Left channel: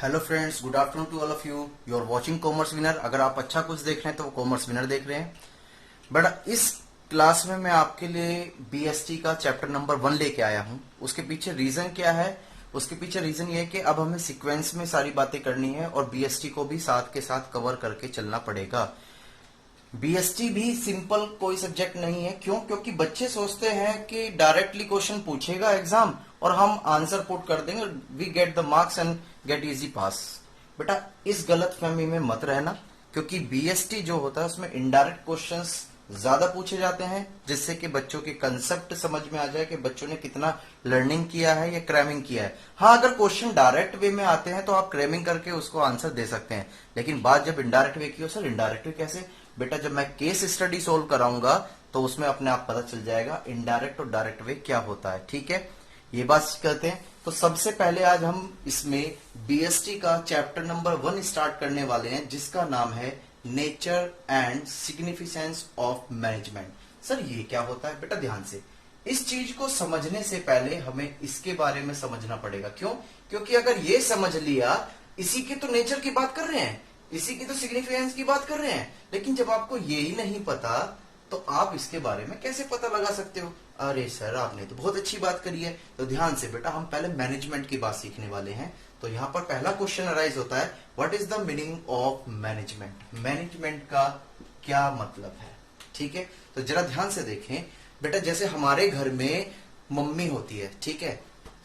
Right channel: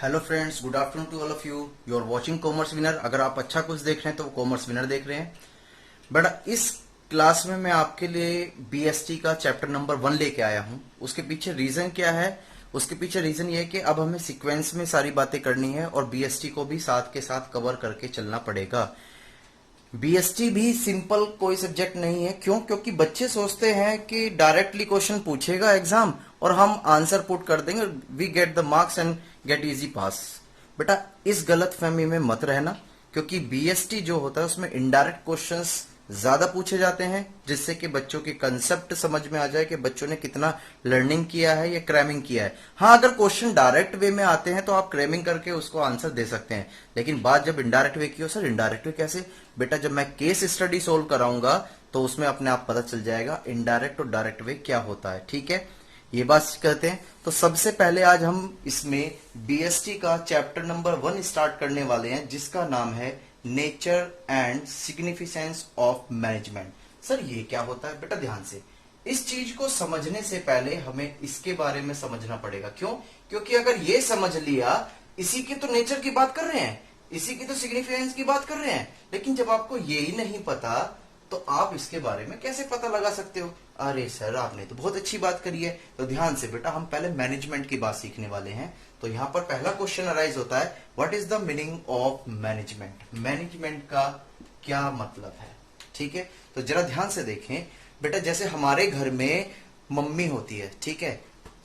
Hello friends, good afternoon to all of you. You are watching Commerce Winner. अगर आप अच्छा कुछ देख रहे हैं तो वो कॉमर्स विनर देख रहे हैं। बट इस क्लास में मैं आपके लिए बीएसटी का चैप्टर नंबर 1 लेके आया हूं। उसके पीछे रीजन क्या है? उसके पीछे रीजन ये है कि अब हमें सीक्वेंस में सारी बातें करनी है और बीएसटी को भी साथ के साथ कवर करके चलना पड़ेगा। बीएसटी भी सिंपल कोई सब्जेक्ट नहीं है। क्यों? क्योंकि बच्चे सोचते हैं कि डायरेक्टली क्वेश्चन पूछेगा एग्जाम और हम आंसर पुट कर देंगे, we get the marks and get easy pass. बेटा, इस गलत फहमी में मत रहना, क्योंकि बीएसटी जो होता है उसमें इनडायरेक्ट क्वेश्चंस ज्यादा पूछे जाते हैं, जिससे कि बच्चों के कंसेप्ट समझ में आ जाए कि बच्चों ने कितना लर्निंग किया है या क्रैमिंग किया है। हाँ, अगर क्वेश्चन डायरेक्ट वे में आते हैं तो आप क्रैमिंग करके उसको आंसर दे सकते हैं, लेकिन बात जब इनडायरेक्ट वे की हो, सर इनडायरेक्ट वे कैसे? बेटा, जब मैं केस स्टडी सोल्व कराऊंगा तो उसमें अपने आप पता चल जाएगा इनडायरेक्ट और डायरेक्ट वे क्या होता है। ठीक है, ये बात करते हैं। तो सबसे पहले आज हम इसमें बीएसटी का चैप्टर नंबर 1 स्टार्ट करने वाले हैं, जिसका नाम है nature and significance of management. Sir ये क्या होता है? बेटा ध्यान से, इस चीज को समझने से पहले हमें इसके बारे में समझना पड़ेगा। क्यों? क्योंकि अगर ये समझ लिया, इसी के तो नेचर की बात कर रहे हैं, इसी की तो सिग्निफिकेंस की बात कर रहे हैं, लेकिन जब आपको ये ही नहीं पता तो आप इसके बारे में कैसे पता लगा सकते हो? अरे सर, आपने तो बहुत अच्छी बात करी है। तो ध्यान से बेटा, हम पहले मैनेजमेंट की बात सीखने वाले हैं। तो यहां पर पहला क्वेश्चन अराइज होता है, what is the meaning of management? Management का क्या मतलब है? ठीक है, तो जरा ध्यान से देखें बेटा। जैसे हमारे घर में मम्मी होती है, ठीक है,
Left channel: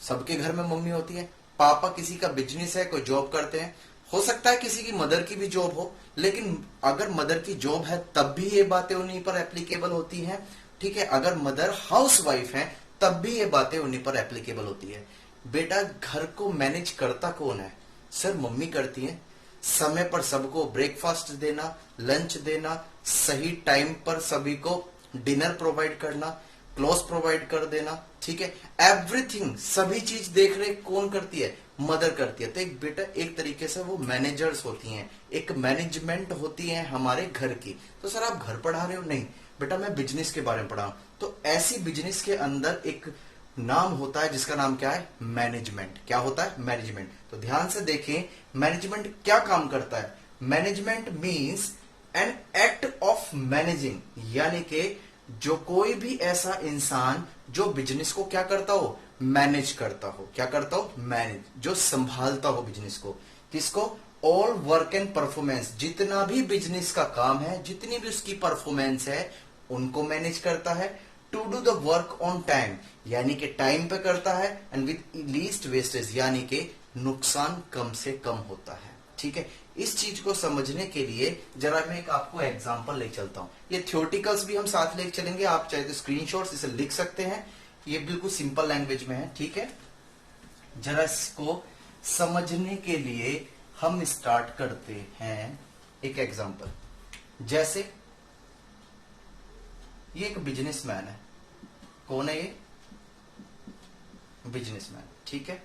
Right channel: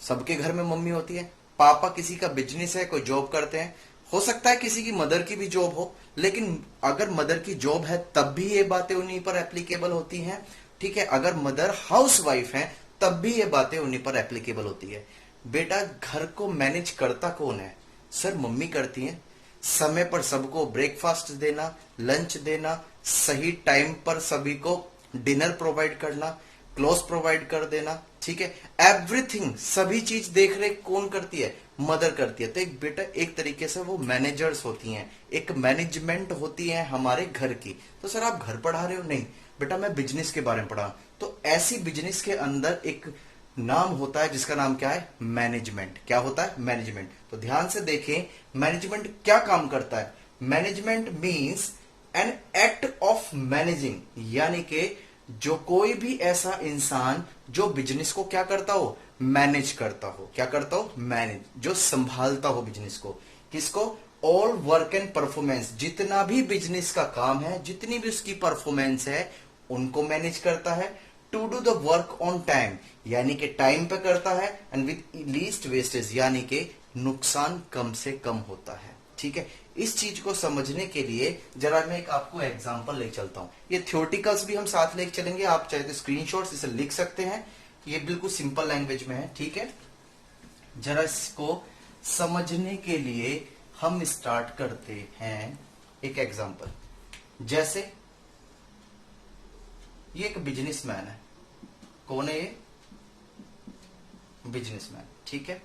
सबके घर में मम्मी होती है। पापा किसी का बिजनेस है, कोई जॉब करते हैं, हो सकता है किसी की मदर की भी जॉब हो, लेकिन अगर मदर की जॉब है तब भी ये बातें उन्हीं पर एप्लीकेबल होती हैं। ठीक है, अगर मदर हाउस वाइफ है तब भी ये बातें उन्हीं पर एप्लीकेबल होती है। बेटा, घर को मैनेज करता कौन है? सर मम्मी करती है। समय पर सबको ब्रेकफास्ट देना, लंच देना, सही टाइम पर सभी को डिनर प्रोवाइड करना, क्लोथ प्रोवाइड कर देना, ठीक है, एवरीथिंग, सभी चीज देख रेख कौन करती है? मदर करती है। तो एक बेटा, एक तरीके से वो मैनेजर्स होती हैं, एक मैनेजमेंट होती है हमारे घर की। तो सर आप घर पढ़ा रहे हो? नहीं बेटा, मैं बिजनेस के बारे में पढ़ा। तो ऐसी बिजनेस के अंदर एक नाम होता है जिसका नाम क्या है? मैनेजमेंट। क्या होता है? मैनेजमेंट। तो ध्यान से देखें, मैनेजमेंट क्या काम करता है? Management means an act of managing, यानी कि जो कोई भी ऐसा इंसान जो बिजनेस को क्या करता हो? मैनेज करता हो। क्या करता हो? मैनेज, जो संभालता हो बिजनेस को। किसको? ऑल वर्क एंड परफॉर्मेंस, जितना भी बिजनेस का काम है, जितनी भी उसकी परफॉर्मेंस है, उनको मैनेज करता है। To do the work on time, यानी कि टाइम पे करता है, एंड विद लीस्ट वेस्टेज, यानी कि नुकसान कम से कम होता है। ठीक है, इस चीज को समझने के लिए जरा मैं एक आपको एग्जांपल ले चलता हूं। ये थ्योरेटिकल्स भी हम साथ लेके चलेंगे, आप चाहे तो स्क्रीनशॉट्स इसे लिख सकते हैं। ये बिल्कुल सिंपल लैंग्वेज में है। ठीक है, जरा इसको समझने के लिए हम स्टार्ट करते हैं एक एग्जांपल। जैसे ये एक बिजनेसमैन है। कौन है ये? बिजनेसमैन। ठीक है,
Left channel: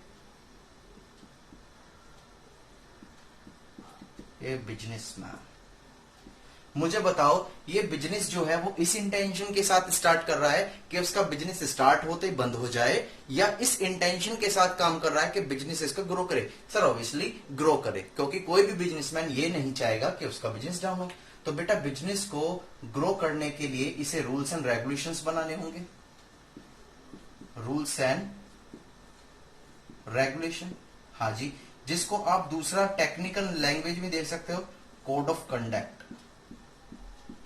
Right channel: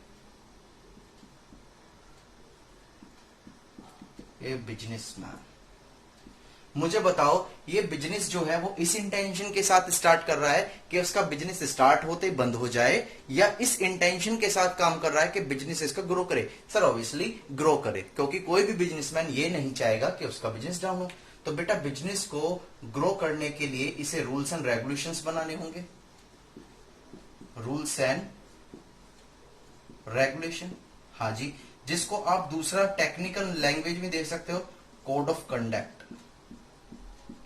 ये बिजनेसमैन। मुझे बताओ, ये बिजनेस जो है वो इस इंटेंशन के साथ स्टार्ट कर रहा है कि उसका बिजनेस स्टार्ट होते ही बंद हो जाए, या इस इंटेंशन के साथ काम कर रहा है कि बिजनेस इसको ग्रो करे? सर ऑब्वियसली ग्रो करे, क्योंकि कोई भी बिजनेसमैन ये नहीं चाहेगा कि उसका बिजनेस डाउन हो। तो बेटा, बिजनेस को ग्रो करने के लिए इसे रूल्स एंड रेगुलेशंस बनाने होंगे। रूल्स एंड रेगुलेशन, हाँ जी, जिसको आप दूसरा टेक्निकल लैंग्वेज में देख सकते हो, कोड ऑफ कंडक्ट।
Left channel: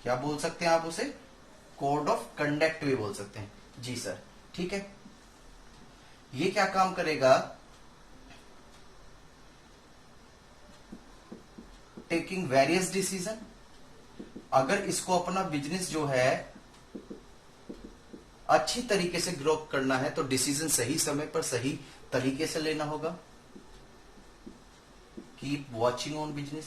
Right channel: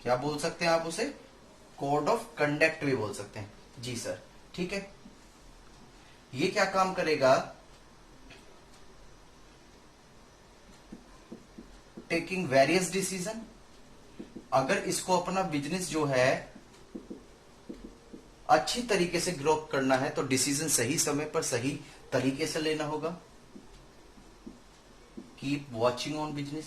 क्या बोल सकते हैं आप उसे? कोड ऑफ कंडक्ट भी बोल सकते हैं। जी सर, ठीक है। ये क्या काम करेगा? Taking various decision. अगर इसको अपना बिजनेस जो है अच्छी तरीके से ग्रो करना है तो डिसीजन सही समय पर सही तरीके से लेना होगा। कीप वॉचिंग ऑन बिजनेस,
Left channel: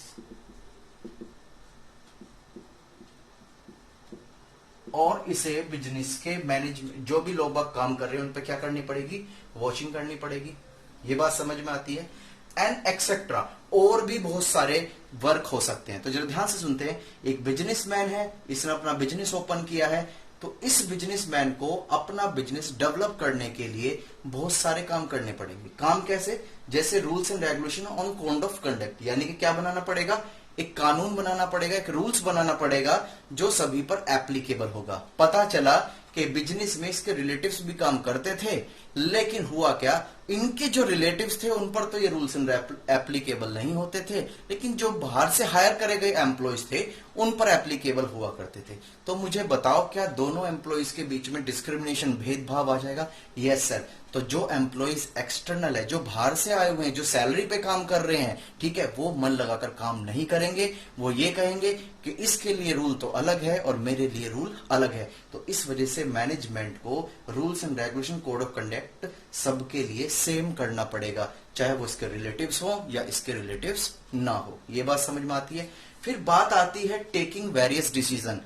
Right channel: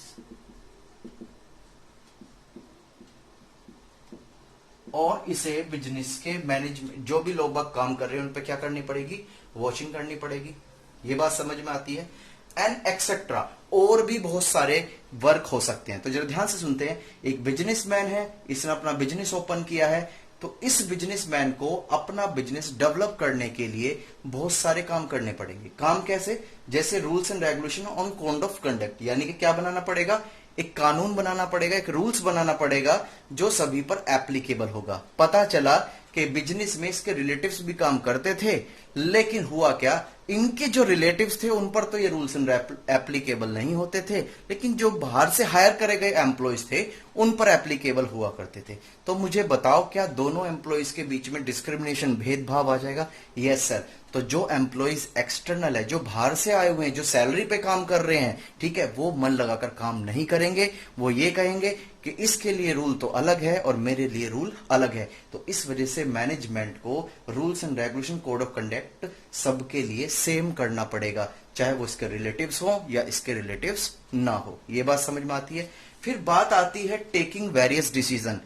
और इसे बिजनेस के मैनेजमेंट, जो भी लोग बाग काम कर रहे हैं उन पे क्या करनी पड़ेगी? वॉचिंग करनी पड़ेगी। ये बात समझ में आती है? एंड एक्सेट्रा, और भी बहुत सारे वर्क हो सकते हैं। तो जरा ध्यान से सुनते हैं। एक बिजनेसमैन है, इसने अपना बिजनेस ओपन किया है, तो इस बिजनेसमैन को अपना बिजनेस डेवलप करने के लिए बहुत सारे काम करने पड़ेंगे। काम कैसे? जैसे rules and regulation on code of conduct, यानी कि क्या बनाना पड़ेगा, एक कानून बनाना पड़ेगा, एक रूल्स बनाना पड़ेगा जो सभी पर एप्लीकेबल होगा। पता चला कि बिजनेस में इसके रिलेटिव्स भी काम करते थे, लेकिन हुआ क्या, इनके जो रिलेटिव्स थे उन पर तो ये रूल्स एंड एप्लीकेबल नहीं होते थे, लेकिन जो बाहर से हायर करे गए एम्प्लॉयज थे उन पर एप्लीकेबल हुआ करते थे। तो मुझे बताओ, क्या दोनों एम्प्लॉयज के बीच में डिस्क्रिमिनेशन, भेदभाव आ जाएगा? Yes sir. तो जो एम्प्लॉयज एक्सटर्नल है, जो बाहर से आए हुए हैं, जो सैलरी पे काम कर रहे हैं, ठीक है, वो मन लगाकर काम नहीं करेंगे। वो ये कहेंगे कि इसके लिए रूल तो अलग है और मेरे लिए रूल अलग है। तो इस वजह से मैनेजमेंट को rules and regulation, code of conduct सबके लिए सेम करना पड़ेगा, चाहे वो इसके रिलेटिव्स हो या इसके रिलेटिव्स ना हो। ये बात समझ में आती है। फिर बात आती है टेकिंग वेरियस डिसीजन।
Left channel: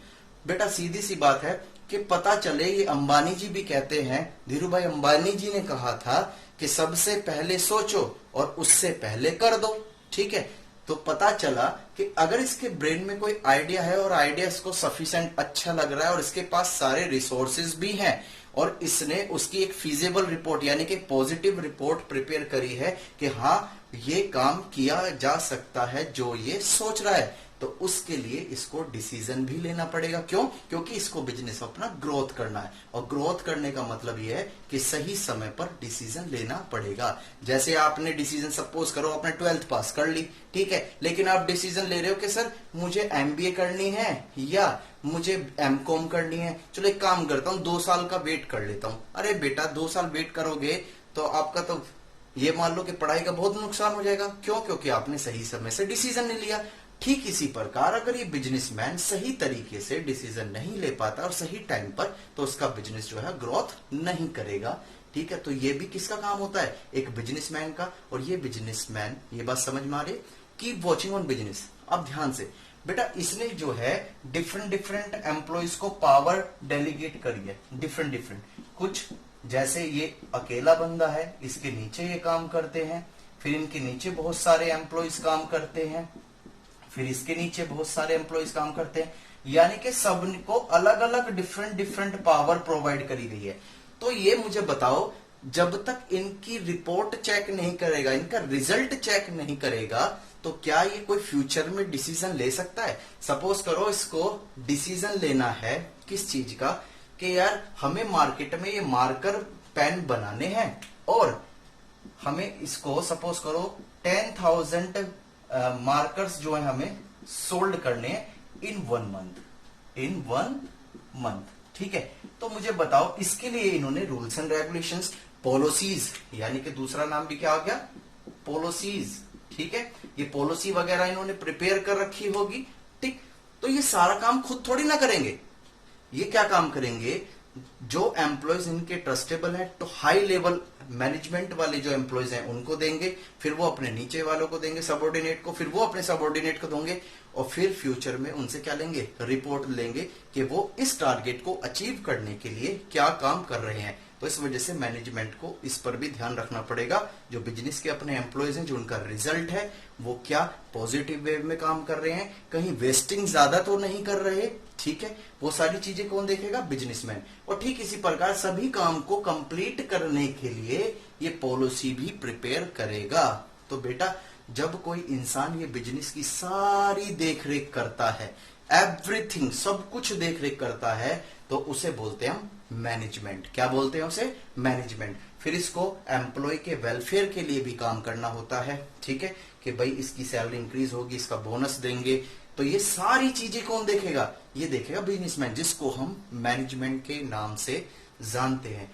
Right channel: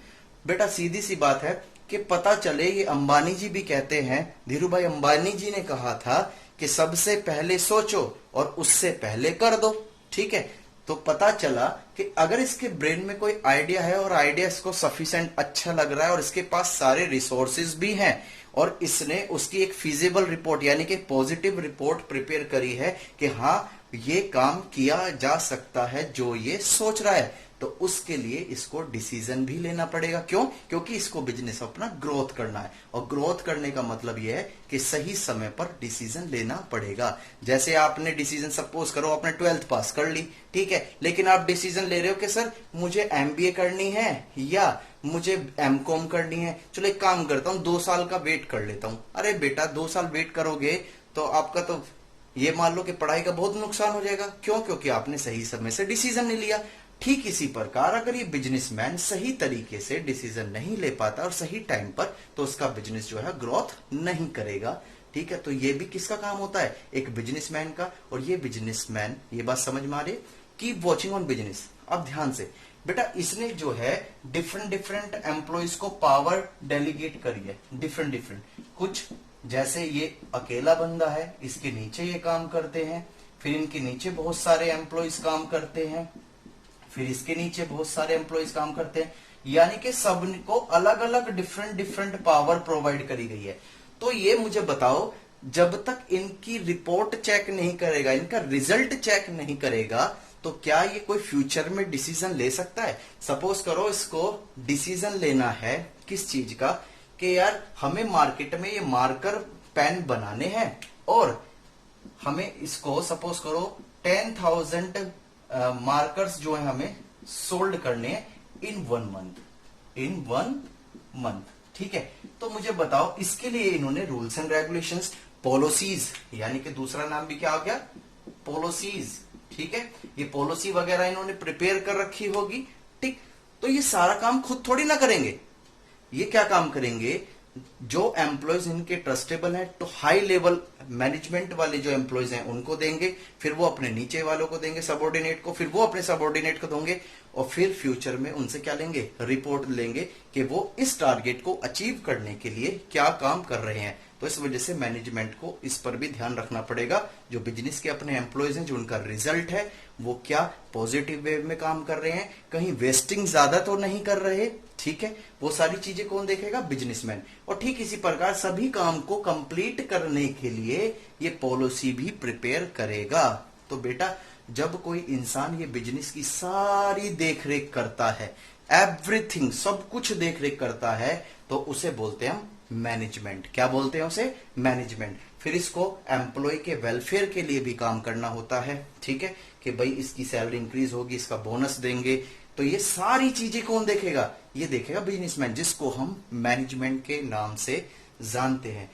बेटा सीधी सी बात है कि पता चले, ये अंबानी जी भी कहते हैं, धीरू भाई अंबानी जी ने कहा था कि सबसे पहले सोचो और उससे पहले कर दो, ठीक है। तो पता चला कि अगर इसके ब्रेन में कोई आइडिया है और आइडिया इसको सफिशिएंट अच्छा लग रहा है और इसके पास सारे रिसोर्सेज भी हैं और इसने उसकी एक फिजिबल रिपोर्ट यानी कि पॉजिटिव रिपोर्ट प्रिपेयर करी है कि हाँ ये काम किया जा सकता है जो ये सोच रहा है, तो उसके लिए इसको डिसीजन भी लेना पड़ेगा। क्यों? क्योंकि इसको बिजनेस अपना ग्रोथ करना है और ग्रोथ करने का मतलब यह है कि सही समय पर डिसीजन लेना पड़ेगा। जैसे आपने डिसीजन, सपोज करो आपने 12th पास कर ली, ठीक है, लेकिन आप डिसीजन ले रहे हो कि सर मुझे एमबीए करनी है या मुझे एमकॉम करनी है, चलो एक काम करता हूं 2 साल का वेट कर लेता हूं। अरे बेटा 2 साल वेट करोगे तो आपका तो ये मान लो कि पढ़ाई का बहुत नुकसान हो जाएगा। क्यों? क्योंकि आपने सही समय से डिसीजन नहीं लिया। ठीक इसी प्रकार अगर ये बिजनेसमैन सही तरीके से डिसीजन नहीं ले पाता और सही टाइम पर, तो उसका बिजनेस जो है ग्रोथ नहीं करेगा, ठीक है। तो ये भी किसका काम होता है? एक बिजनेसमैन का। और ये बिजनेसमैन, ये बात समझ में आ रही, कीप वॉचिंग ऑन बिजनेस। अब ध्यान से बेटा, इसने जो है डिफरेंट डिफरेंट एम्प्लॉयज को पावर डेलीगेट करी है, डिफरेंट डिफरेंट। कुछ जैसे ये अकेला बंदा है, इसके नीचे ये काम करते हैं, फिर इनके नीचे बहुत सारे एम्प्लॉयज काम करते हैं, फिर इसके नीचे बहुत सारे एम्प्लॉयज काम करते हैं, यानी कि सबको अलग अलग डिफरेंट डिफरेंट पावर प्रोवाइड करी गई है। तो ये मुझे बताओ, जब तक इनकी रिपोर्ट चेक नहीं करेगा, इनका रिजल्ट चेक नहीं करेगा, तो क्या ये कोई फ्यूचर में डिसीजन ले सकता है? सपोज करो इसको डिसीजन लेना है किस चीज का, कि यार हमें मार्केट में ये मार्कर पेन बनाने हैं और हमें इसको सपोज करो 10,000 मार्कर्स जो है हमें सोल्ड करने हैं इन 1 मंथ, ठीक है। तो मुझे बताओ, इसके लिए इन्होंने रूल्स एंड रेगुलेशंस, पॉलिसीज, यानी कि दूसरा नाम भी क्या आ गया, पॉलिसीज, ठीक है। ये पॉलिसी वगैरह इन्होंने प्रिपेयर कर रखी होगी, ठीक। तो ये सारा काम खुद थोड़ी ना करेंगे, ये क्या काम करेंगे, जो एम्प्लॉयज इनके ट्रस्टेबल हैं, तो हाई लेवल मैनेजमेंट वाले जो एम्प्लॉयज हैं उनको देंगे, फिर वो अपने नीचे वालों को देंगे, सबऑर्डिनेट को, फिर वो अपने सबऑर्डिनेट को देंगे और फिर फ्यूचर में उनसे क्या लेंगे, रिपोर्ट लेंगे कि वो इस टारगेट को अचीव करने के लिए क्या काम कर रहे हैं। तो इस वजह से मैनेजमेंट को इस पर भी ध्यान रखना पड़ेगा। जो बिजनेस के अपने एम्प्लॉयज हैं, जो उनका रिजल्ट है, वो क्या पॉजिटिव वे में काम कर रहे हैं, कहीं वेस्टिंग ज्यादा तो नहीं कर रहे, ठीक है। वो सारी चीजें कौन देखेगा, बिजनेसमैन। और ठीक इसी प्रकार सभी काम को कंप्लीट करने के लिए ये पॉलिसी भी प्रिपेयर करेगा। तो बेटा जब कोई इंसान ये बिजनेस की सारी देखरेख करता है, एवरीथिंग, सब कुछ देखरेख करता है, तो उसे बोलते हैं हम मैनेजमेंट। क्या बोलते हैं उसे, मैनेजमेंट। फिर इसको एम्प्लॉय के वेलफेयर के लिए भी काम करना होता है, ठीक है, कि भाई इसकी सैलरी इंक्रीज होगी, इसका बोनस देंगे। तो ये सारी चीजें कौन देखेगा, ये देखेगा बिजनेसमैन, जिसको हम मैनेजमेंट के नाम से जानते हैं।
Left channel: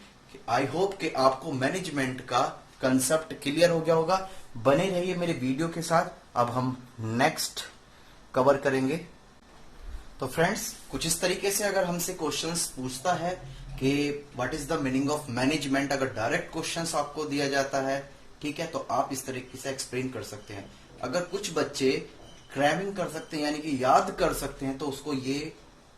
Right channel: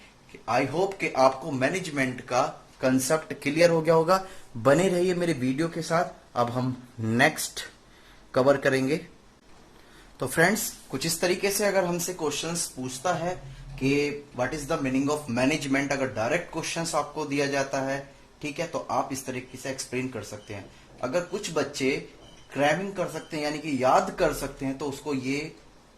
आई होप कि आपको मैनेजमेंट का कंसेप्ट क्लियर हो गया होगा। बने रहिए मेरे वीडियो के साथ। अब हम नेक्स्ट कवर करेंगे। तो फ्रेंड्स, कुछ इस तरीके से अगर हमसे क्वेश्चंस पूछता है कि what is the meaning of management, अगर डायरेक्ट क्वेश्चंस आपको दिया जाता है, ठीक है, तो आप इस तरीके से एक्सप्लेन कर सकते हैं। अगर कुछ बच्चे क्रैमिंग कर सकते हैं, यानी कि याद कर सकते हैं, तो उसको ये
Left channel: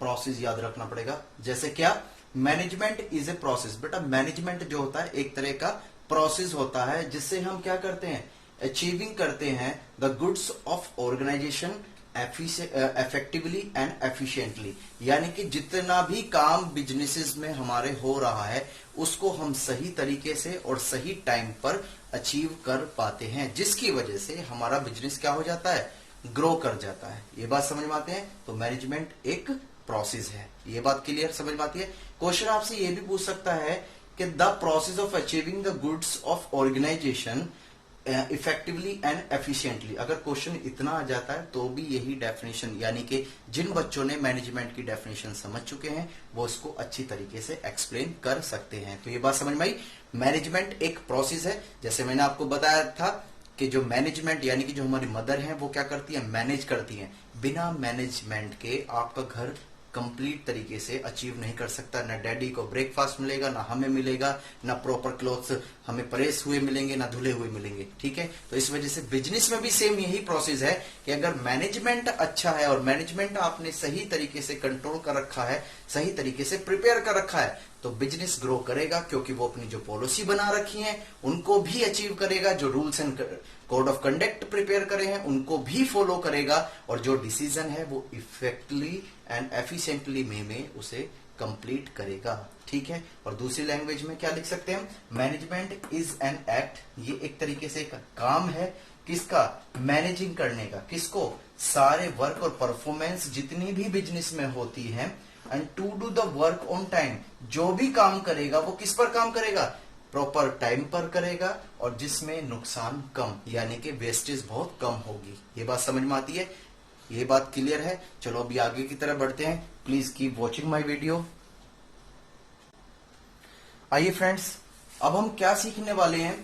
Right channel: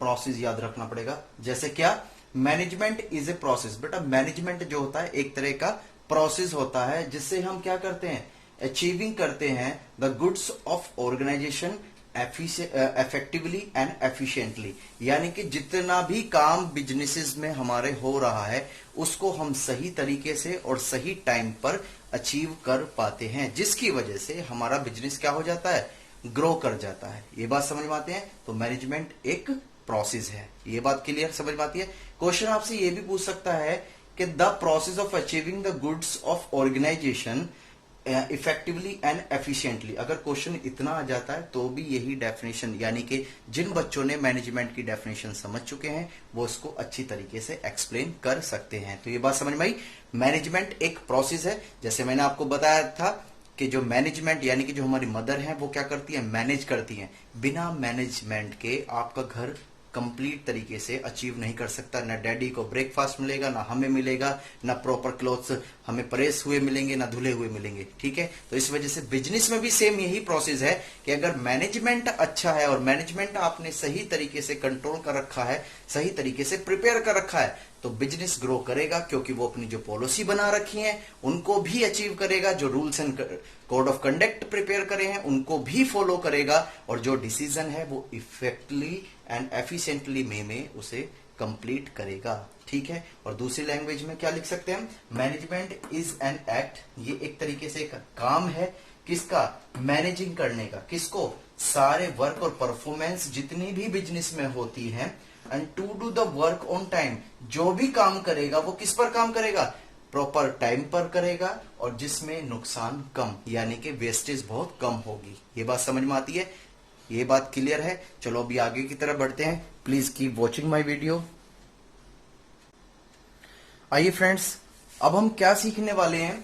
प्रोसेस याद रखना पड़ेगा। जैसे क्या, मैनेजमेंट इज ए प्रोसेस। बेटा मैनेजमेंट जो होता है एक तरह का प्रोसेस होता है, जिससे हम क्या करते हैं, अचीविंग करते हैं the goods of organisation effectively and efficiently, यानी कि जितना भी काम बिजनेसेस में हमारे हो रहा है उसको हम सही तरीके से और सही टाइम पर अचीव कर पाते हैं, जिसकी वजह से हमारा बिजनेस क्या हो जाता है, ग्रो कर जाता है। ये बात समझ में आती है। तो मैनेजमेंट एक प्रोसेस है, ये बात क्लियर समझ में आती है। क्वेश्चन आपसे ये भी पूछ सकता है कि the process of achieving the goods of organisation effectively and efficiently. अगर क्वेश्चन इतना आ जाता है तो भी यही डेफिनेशन, यानी कि जिन बच्चों ने मैनेजमेंट की डेफिनेशन समझ चुके हैं वो इसको अच्छी तरीके से एक्सप्लेन कर सकते हैं। तो ये बात समझ में आई। मैनेजमेंट एक प्रोसेस है, जैसे मैंने आपको बताया था कि जो मैनेजमेंट यानी कि जो हमारी मदर है वो क्या करती है, मैनेज करती है। बिना मैनेजमेंट के आपका घर कंप्लीट तरीके से अचीव नहीं कर सकता। ना डैडी को ब्रेकफास्ट मिलेगा, ना हमें मिलेगा, ना प्रॉपर क्लोथ्स हमें प्रेस हुए मिलेंगे, ना धुले हुए मिलेंगे। ठीक है, तो इस वजह से बिजनेस में भी सेम यही प्रोसेस है कि अगर मैनेजमेंट अच्छा है और मैनेजमेंट आपने सही तरीके से कंट्रोल कर रखा है, सही तरीके से प्रिपेयर कर रखा है, तो बिजनेस ग्रो करेगा, क्योंकि वो अपनी जो पॉलिसी बना रखी है उनको भी अचीव करेगा, जो rules and code of conduct prepare करे हैं उनको भी फॉलो करेगा, और जो डिसीजन है वो इफेक्टिवली एंड एफिशिएंटली में उसे कंप्लीट करेगा। ठीक है, और दूसरी लैंग्वेज में क्या लिख सकते हैं, मैनेजमेंट इज एन एक्ट, ये एक तरीके से एक काम है किसका, मैनेजिंग करने का। किसको, सारे वर्क और परफॉर्मेंस जितनी भी बिजनेस में होती है, and to do the work on time, जो भी काम करेगा वो किस पर काम करेगा, प्रॉपर टाइम पर करेगा, और जिसमें नुकसान कम, यानी कि वेस्टेज बहुत कम होगी। ये बात समझ में आती है, ये बात क्लियर है। चलो अभी आगे की तरफ बढ़ते हैं। Please keep watching my video. आइए फ्रेंड्स, अब हम क्या सीखने वाले हैं,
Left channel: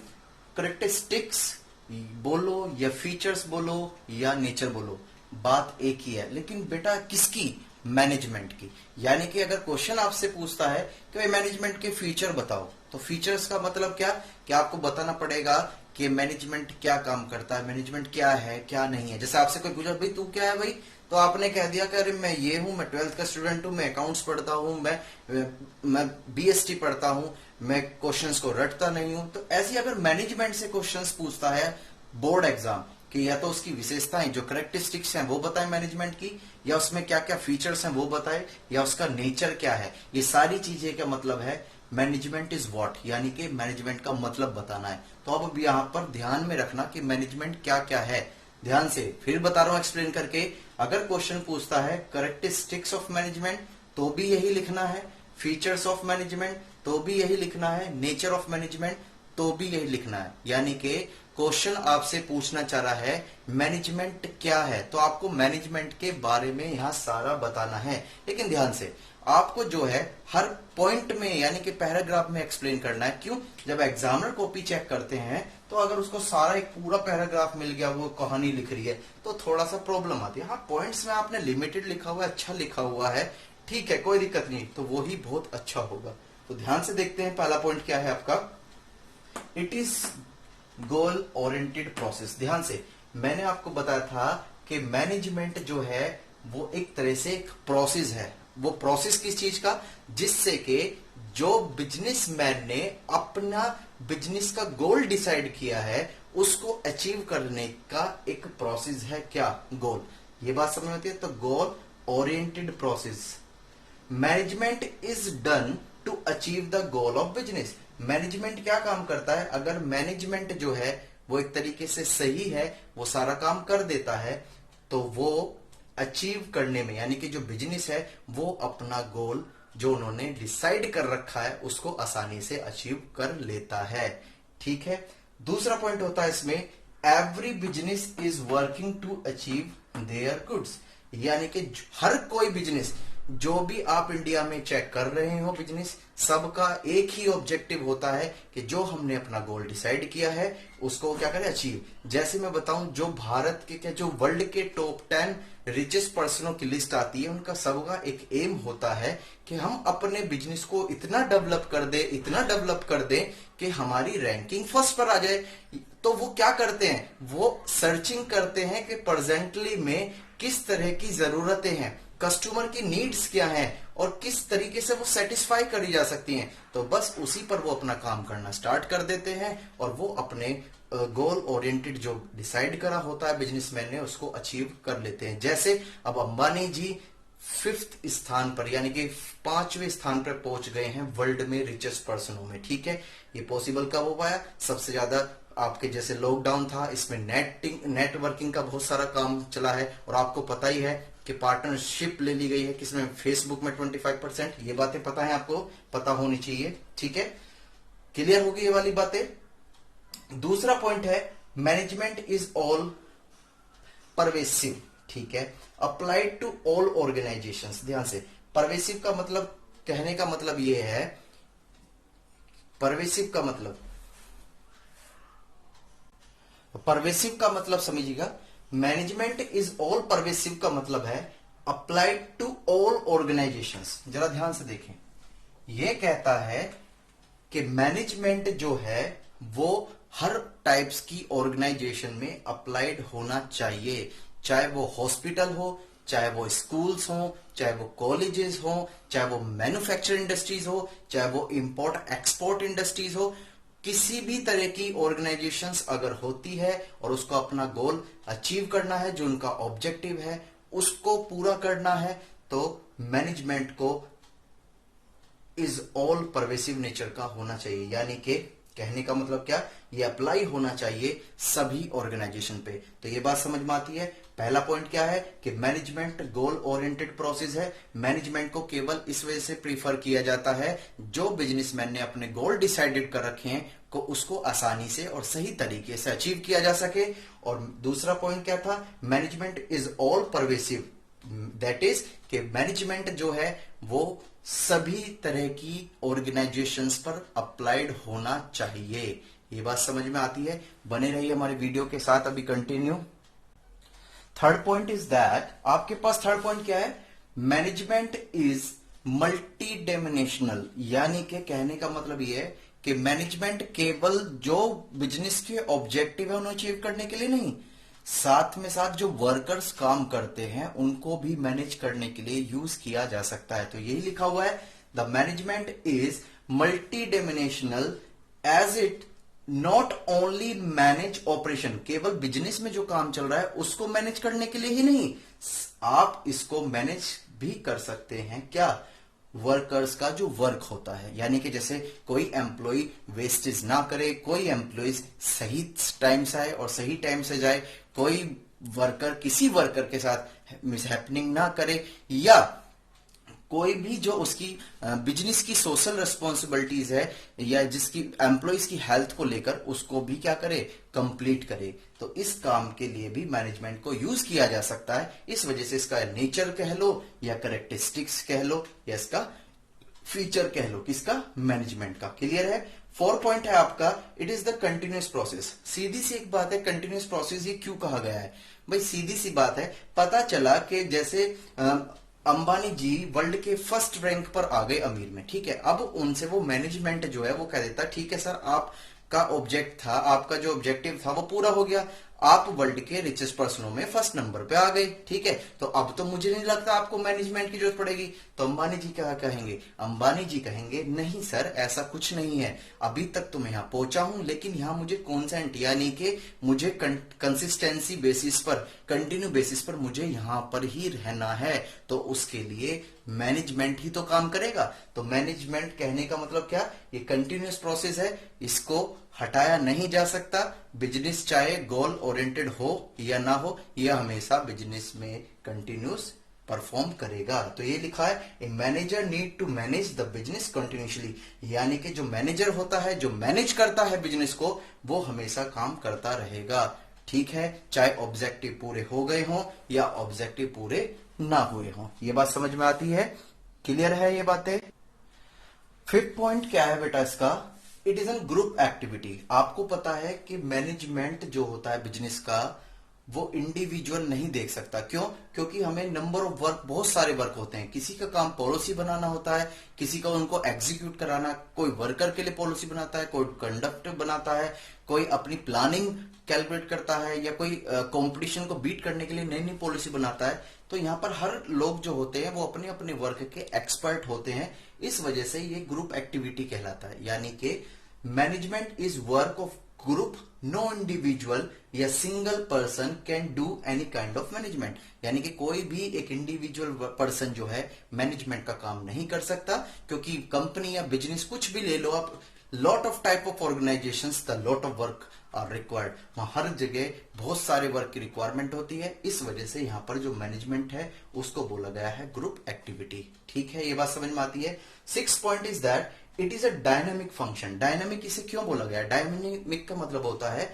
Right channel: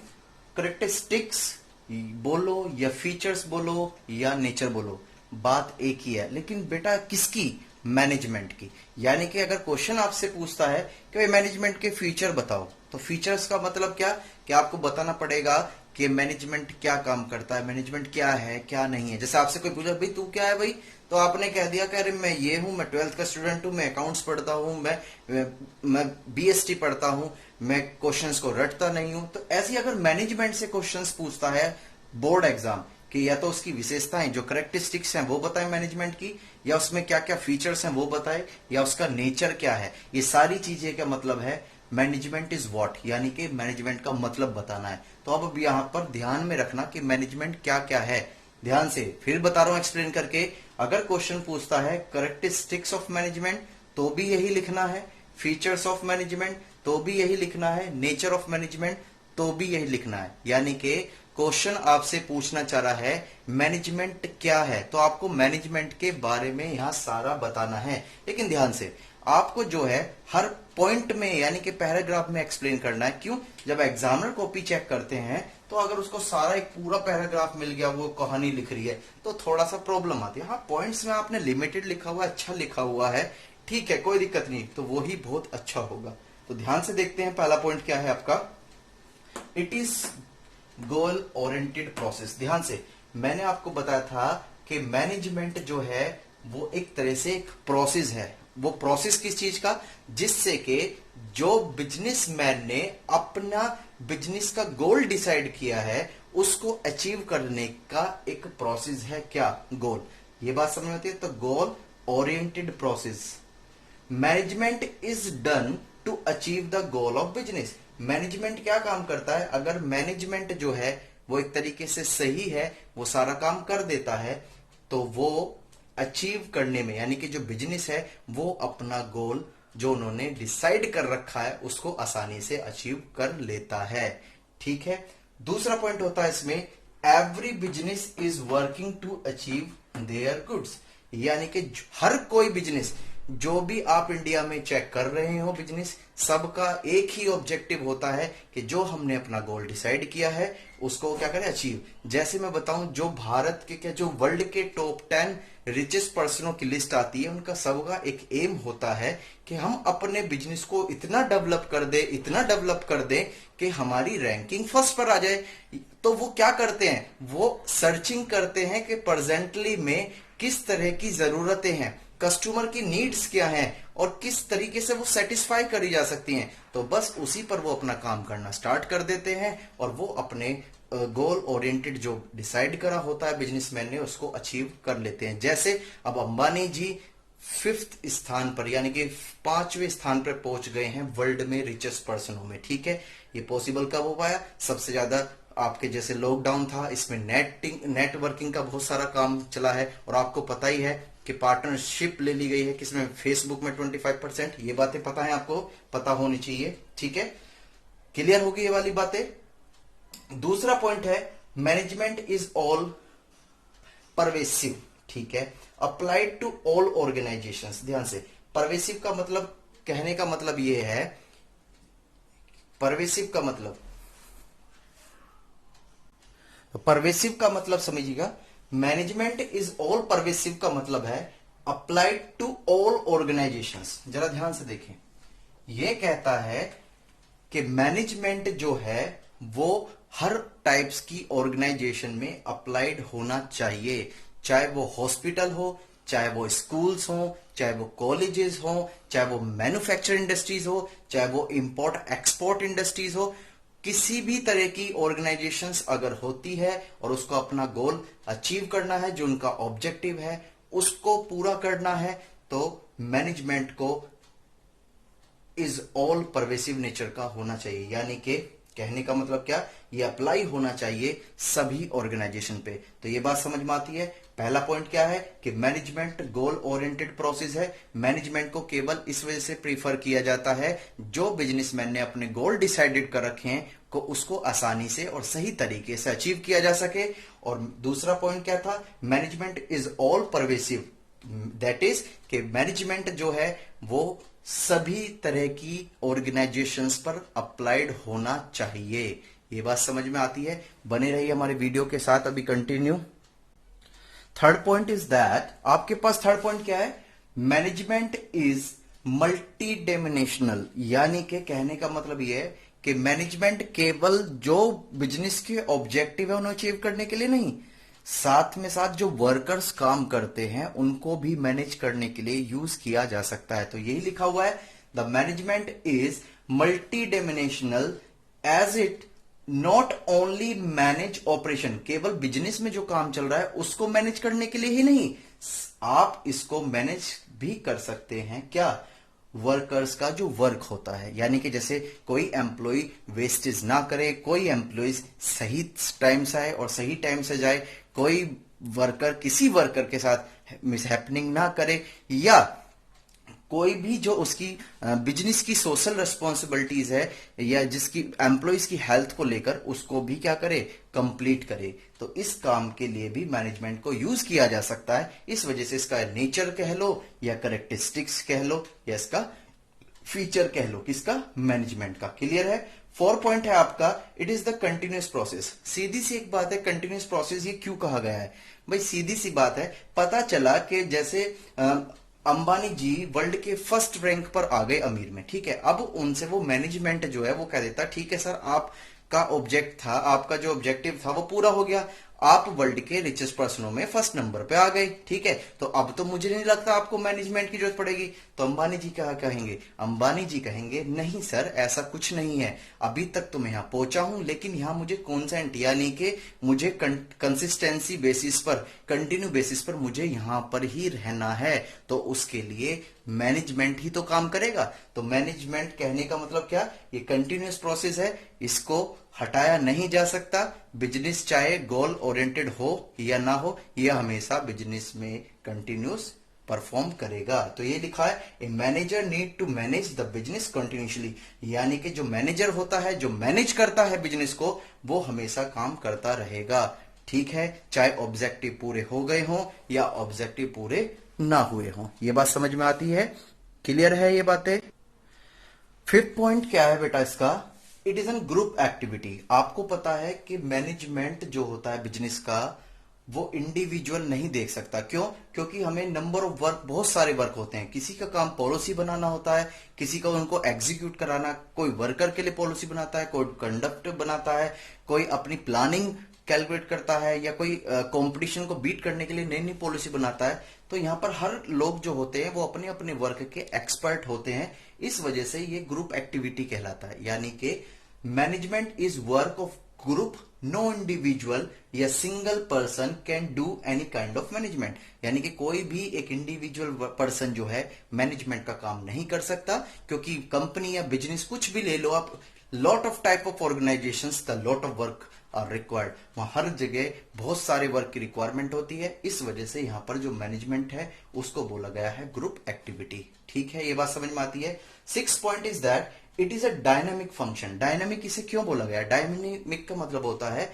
करेक्टरिस्टिक्स बोलो या फीचर्स बोलो या नेचर बोलो, बात एक ही है, लेकिन बेटा किसकी, मैनेजमेंट की। यानी कि अगर क्वेश्चन आपसे पूछता है कि भाई मैनेजमेंट के फीचर बताओ, तो फीचर्स का मतलब क्या, कि आपको बताना पड़ेगा कि मैनेजमेंट क्या काम करता है, मैनेजमेंट क्या है क्या नहीं है। जैसे आपसे कोई पूछा भाई तू क्या है भाई, तो आपने कह दिया कि अरे मैं ये हूं, मैं 12th का स्टूडेंट हूं, मैं अकाउंट्स पढ़ता हूं, मैं बीएसटी पढ़ता हूं, मैं क्वेश्चंस को रटता नहीं हूं। तो ऐसी अगर मैनेजमेंट से क्वेश्चंस पूछता है बोर्ड एग्जाम कि या तो उसकी विशेषताएं जो करेक्टरिस्टिक्स हैं वो बताएं मैनेजमेंट की, या उसमें क्या क्या फीचर्स हैं वो बताएं, या उसका नेचर क्या है, ये सारी चीजें का मतलब है मैनेजमेंट इज व्हाट, यानी कि मैनेजमेंट का मतलब बताना है। तो अब यहां पर ध्यान में रखना कि मैनेजमेंट क्या क्या है, ध्यान से फिर बता रहा हूं एक्सप्लेन करके। अगर क्वेश्चन पूछता है करेक्टरिस्टिक्स ऑफ मैनेजमेंट तो भी यही लिखना है, फीचर्स ऑफ मैनेजमेंट तो भी यही लिखना है, नेचर ऑफ मैनेजमेंट तो भी यही लिखना है। यानी कि क्वेश्चन आपसे पूछना चाह रहा है मैनेजमेंट क्या है, तो आपको मैनेजमेंट के बारे में यहां सारा बताना है। लेकिन ध्यान से आपको जो है हर पॉइंट में यानी कि पैराग्राफ में एक्सप्लेन करना है। क्यों, जब एग्जामिनर कॉपी चेक करते हैं तो अगर उसको सारा एक पूरा पैराग्राफ मिल गया, वो कहानी लिख रही है, तो थोड़ा सा प्रॉब्लम आती है। हाँ, पॉइंट्स में आपने लिमिटेड लिखा हुआ है, अच्छा लिखा हुआ है, ठीक है, कोई दिक्कत नहीं, तो वो ही बहुत अच्छा होगा। तो ध्यान से देखते हैं पहला पॉइंट क्या है आपका, it is goal oriented process. ध्यान से, मैंने आपको बताया था कि मैनेजमेंट जो है वो एक तरह से एक प्रोसेस है। वो प्रोसेस किस चीज का, जिससे कि जो बिजनेसमैन ने अपना बिजनेस का गोल डिसाइड किया है उसको अचीव करने का एक प्रोसेस है। क्या, गोल। ये बात समझ में आती है। तो goal oriented process, management is done to achieve the goal of business. Management क्या काम करता है, अगर मैनेजमेंट जो है वो एक तरीके से सही है, वो सारा काम कर देता है, तो वो अचीव करने में यानी कि जो बिजनेस है वो अपना गोल जो उन्होंने डिसाइड कर रखा है उसको आसानी से अचीव कर लेता है। ठीक है, दूसरा पॉइंट होता है इसमें, every business is working to achieve their goods. यानी कि हर कोई बिजनेस, जो भी आप इंडिया में चेक कर रहे हो बिजनेस, सबका एक ही ऑब्जेक्टिव होता है कि जो हमने अपना गोल डिसाइड किया है उसको क्या करें, अचीव। जैसे मैं बताऊं, जो भारत के जो वर्ल्ड के टॉप 10 रिचेस्ट पर्सनों की लिस्ट आती है, उनका सबका एक एम होता है कि हम अपने बिजनेस को इतना डेवलप कर दे, इतना डेवलप कर दे कि हमारी रैंकिंग फर्स्ट पर आ जाए। तो वो क्या करते हैं, वो सर्चिंग करते हैं कि प्रेजेंटली में किस तरह की जरूरतें हैं, कस्टमर की नीड्स क्या हैं और किस तरीके से वो सेटिस्फाई करी जा सकती हैं। तो बस उसी पर वो अपना काम करना स्टार्ट कर देते हैं और वो अपने गोल ओरिएंटेड जो डिसाइड करा होता है बिजनेसमैन ने उसको अचीव कर लेते हैं। जैसे अब अंबानी जी 5th स्थान पर यानी कि 5वें स्थान पर पहुंच गए हैं वर्ल्ड में रिचेस्ट पर्सनों में। ठीक है, ये पॉसिबल कब हो पाया? सबसे ज्यादा आपके जैसे लॉकडाउन था, इसमें नेटवर्किंग का बहुत सारा काम चला है, और आपको पता ही है कि पार्टनरशिप ले ली गई है किसमें? फेसबुक में 25%। ये बातें पता है, आपको पता होनी चाहिए। ठीक है, क्लियर होगी ये वाली बातें। दूसरा पॉइंट है मैनेजमेंट इज ऑल परवेसिव। ठीक है, अप्लाइड टू ऑल ऑर्गेनाइजेशंस। ध्यान से, परवेसिव का मतलब, कहने का मतलब ये है, परवेसिव का मतलब समझिएगा, मैनेजमेंट इज ऑल परवेसिव का मतलब है अप्लाइड टू ऑल ऑर्गेनाइजेशंस। जरा ध्यान से देखें, यह कहता है कि मैनेजमेंट जो है वो हर टाइप्स की ऑर्गेनाइजेशन में अप्लाइड होना चाहिए, चाहे वो हॉस्पिटल हो, चाहे वो स्कूल्स हो, चाहे वो कॉलेजेस हो, चाहे वो मैन्युफैक्चरिंग इंडस्ट्रीज हो, चाहे वो इंपोर्ट एक्सपोर्ट इंडस्ट्रीज हो। किसी भी तरह की ऑर्गेनाइजेशंस अगर होती है और उसको अपना गोल अचीव करना है, जो उनका ऑब्जेक्टिव है उसको पूरा करना है, तो मैनेजमेंट को इज ऑल परवेसिव नेचर का होना चाहिए। यानी कि कहने का मतलब क्या, ये अप्लाई होना चाहिए सभी ऑर्गेनाइजेशन पे। तो ये बात समझ में आती है। पहला पॉइंट क्या है कि मैनेजमेंट गोल ओरिएंटेड प्रोसेस है। मैनेजमेंट को केवल इस वजह से प्रीफर किया जाता है, जो बिजनेसमैन ने अपने गोल डिसाइडेड कर रखे हैं को उसको आसानी से और सही तरीके से अचीव किया जा सके। और दूसरा पॉइंट क्या था, management is all pervasive, that is कि मैनेजमेंट जो है वो सभी तरह की ऑर्गेनाइजेशंस पर अप्लाइड होना चाहिए। ये बात समझ में आती है? बने रहिए हमारे वीडियो के साथ, अभी continue. Third point is that, आपके पास थर्ड पॉइंट क्या है, मैनेजमेंट इज मल्टी डायमेंशनल। यानी कि कहने का मतलब यह है कि मैनेजमेंट केवल जो बिजनेस के ऑब्जेक्टिव है उन्हें अचीव करने के लिए नहीं, साथ में साथ जो वर्कर्स काम करते हैं उनको भी मैनेज करने के लिए यूज किया जा सकता है। तो यही लिखा हुआ है, the management is multi dimensional as it not only manage operation. केवल बिजनेस में जो काम चल रहा है उसको मैनेज करने के लिए ही नहीं, आप इसको मैनेज भी कर सकते हैं। क्या? वर्कर्स का जो वर्क होता है, यानी कि जैसे कोई एम्प्लॉय वेस्टेज ना करे, कोई एम्प्लॉय सही टाइम से आए और सही टाइम से जाए, कोई वर्कर किसी वर्कर के साथ मिसहैपनिंग ना करे, या कोई भी जो उसकी बिजनेस की सोशल रिस्पॉन्सिबिलिटीज है या जिसकी एम्प्लॉयज की हेल्थ को लेकर उसको भी क्या करे, कंप्लीट करे। तो इस काम के लिए भी मैनेजमेंट को यूज किया जा सकता है। इस वजह से इसका नेचर कह लो या करेक्टरिस्टिक्स कह लो या इसका फीचर कह लो, किसका? मैनेजमेंट का। क्लियर है? 4 पॉइंट है आपका, it is the continuous process. सीधी सी एक बात है, कंटिन्यूस प्रोसेस ये क्यों कहा गया है भाई? सीधी सी बात है, पता चला कि जैसे अंबानी जी वर्ल्ड के फर्स्ट रैंक पर आ गए अमीर में, ठीक है। अब उनसे वो मैनेजमेंट जो है वो कह देता, ठीक है सर, आपका ऑब्जेक्ट था, आपका जो ऑब्जेक्टिव था वो पूरा हो गया, आप वर्ल्ड के रिचेस्ट पर्सनों में फर्स्ट नंबर पे आ गए, ठीक है। तो अब तो मुझे नहीं लगता आपको मैनेजमेंट की जरूरत पड़ेगी। तो अंबानी जी क्या कहेंगे? अंबानी जी कहेंगे नहीं सर, ऐसा कुछ नहीं है, अभी तक तो मैं यहां पहुंचा हूं, लेकिन यहां मुझे कॉन्सेंट यानी कि मुझे कंसिस्टेंसी बेसिस पर, कंटिन्यू बेसिस पर मुझे यहां पर ही रहना है। तो उसके लिए मैनेजमेंट ही तो काम करेगा। तो मैनेजमेंट कहने का मतलब क्या, ये कंटिन्यूस प्रोसेस है, इसको हटाया नहीं जा सकता। बिजनेस चाहे गोल ओरिएंटेड हो या ना हो, यह हमेशा बिजनेस में कंटिन्यूस परफॉर्म करेगा। तो ये लिखा है, a manager need to manage the business continuously, यानी कि जो मैनेजर होता है, जो मैनेज करता है बिजनेस को, वो हमेशा काम करता रहेगा, ठीक है, चाहे ऑब्जेक्टिव पूरे हो गए हों या ऑब्जेक्टिव पूरे ना हुए हों। ये बात समझ में आती है? क्लियर है ये बातें? फिफ्थ पॉइंट क्या है बेटा इसका, it is an group activity. आपको पता है कि मैनेजमेंट जो होता है बिजनेस का, वो इंडिविजुअल नहीं देख सकता। क्यों? क्योंकि हमें नंबर ऑफ वर्क, बहुत सारे वर्क होते हैं। किसी का काम पॉलिसी बनाना होता है, किसी का उनको एग्जीक्यूट कराना, कोई वर्कर के लिए पॉलिसी बनाता है, कोई कंडक्ट बनाता है, कोई अपनी प्लानिंग कैलकुलेट करता है, या कोई कंपटीशन को बीट करने के लिए नई नई पॉलिसी बनाता है। तो यहाँ पर हर लोग जो होते हैं वो अपने अपने वर्क के एक्सपर्ट होते हैं। इस वजह से ये ग्रुप एक्टिविटी कहलाता है। यानी कि management is work of group, no individual या single person can do any kind of management. यानी कि कोई भी एक इंडिविजुअल पर्सन जो है मैनेजमेंट का काम नहीं कर सकता, क्योंकि कंपनी या बिजनेस कुछ भी ले लो आप, lot of type of organisations the lot of work are required. वहां हर जगह बहुत सारे वर्क की रिक्वायरमेंट होती है। इस वजह से यहां पर जो मैनेजमेंट है उसको बोला गया है ग्रुप एक्टिविटी। ठीक है, ये बात समझ में आती है। 6 point is that it is a dynamic function. Dynamic इसे क्यों बोला गया? डायनामिक का मतलब होता है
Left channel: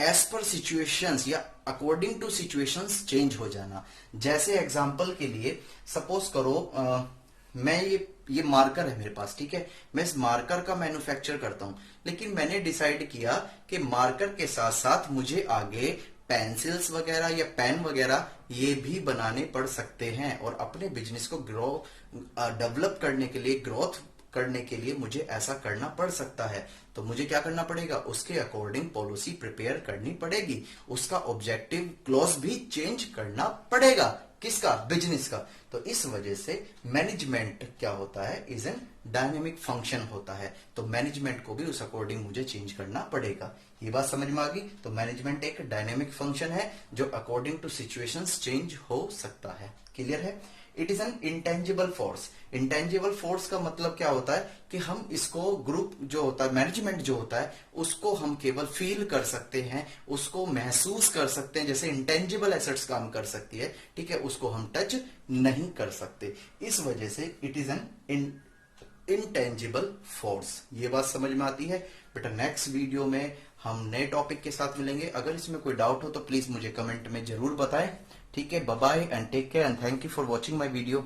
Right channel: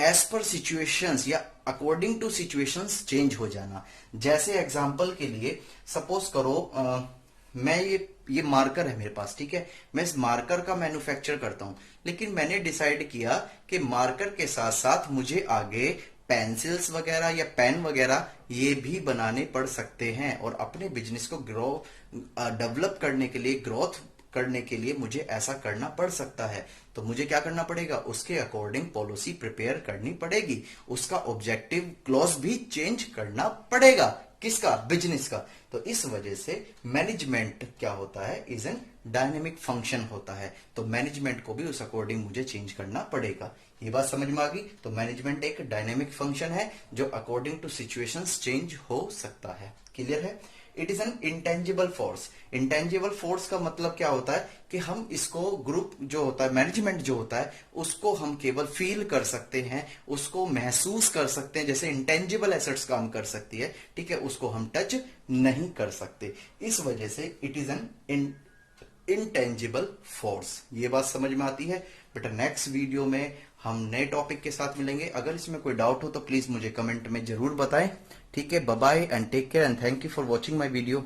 एज पर सिचुएशंस या अकॉर्डिंग टू सिचुएशंस चेंज हो जाना। जैसे एग्जांपल के लिए सपोज करो मैं ये मार्कर है मेरे पास, ठीक है, मैं इस मार्कर का मैन्युफैक्चर करता हूं, लेकिन मैंने डिसाइड किया कि मार्कर के साथ साथ मुझे आगे पेंसिल्स वगैरह या पेन वगैरह ये भी बनाने पड़ सकते हैं, और अपने बिजनेस को डेवलप करने के लिए, ग्रोथ करने के लिए मुझे ऐसा करना पड़ सकता है। तो मुझे क्या करना पड़ेगा? उसके अकॉर्डिंग पॉलिसी प्रिपेयर करनी पड़ेगी, उसका ऑब्जेक्टिव क्लॉज भी चेंज करना पड़ेगा। किसका? बिजनेस का। तो इस वजह से मैनेजमेंट क्या होता है? इज एन डायनेमिक फंक्शन होता है। तो मैनेजमेंट को भी उस अकॉर्डिंग मुझे चेंज करना पड़ेगा। ये बात समझ में आ गई? तो मैनेजमेंट एक डायनेमिक फंक्शन है जो अकॉर्डिंग टू सिचुएशंस चेंज हो सकता है। क्लियर है? It is an intangible force. Intangible force का मतलब क्या होता है कि हम इसको ग्रुप जो होता है, मैनेजमेंट जो होता है, उसको हम केवल फील कर सकते हैं, उसको महसूस कर सकते हैं, जैसे इंटेंजिबल एसेट्स काम कर सकती है, ठीक है, उसको हम टच नहीं कर सकते। इस वजह से it is an intangible force. ये बात समझ में आती है? बेटा नेक्स्ट वीडियो में हम नए टॉपिक के साथ मिलेंगे। अगर इसमें कोई डाउट हो तो प्लीज मुझे कमेंट में जरूर बताएं। ठीक है, bye bye and take care and thank you for watching my video.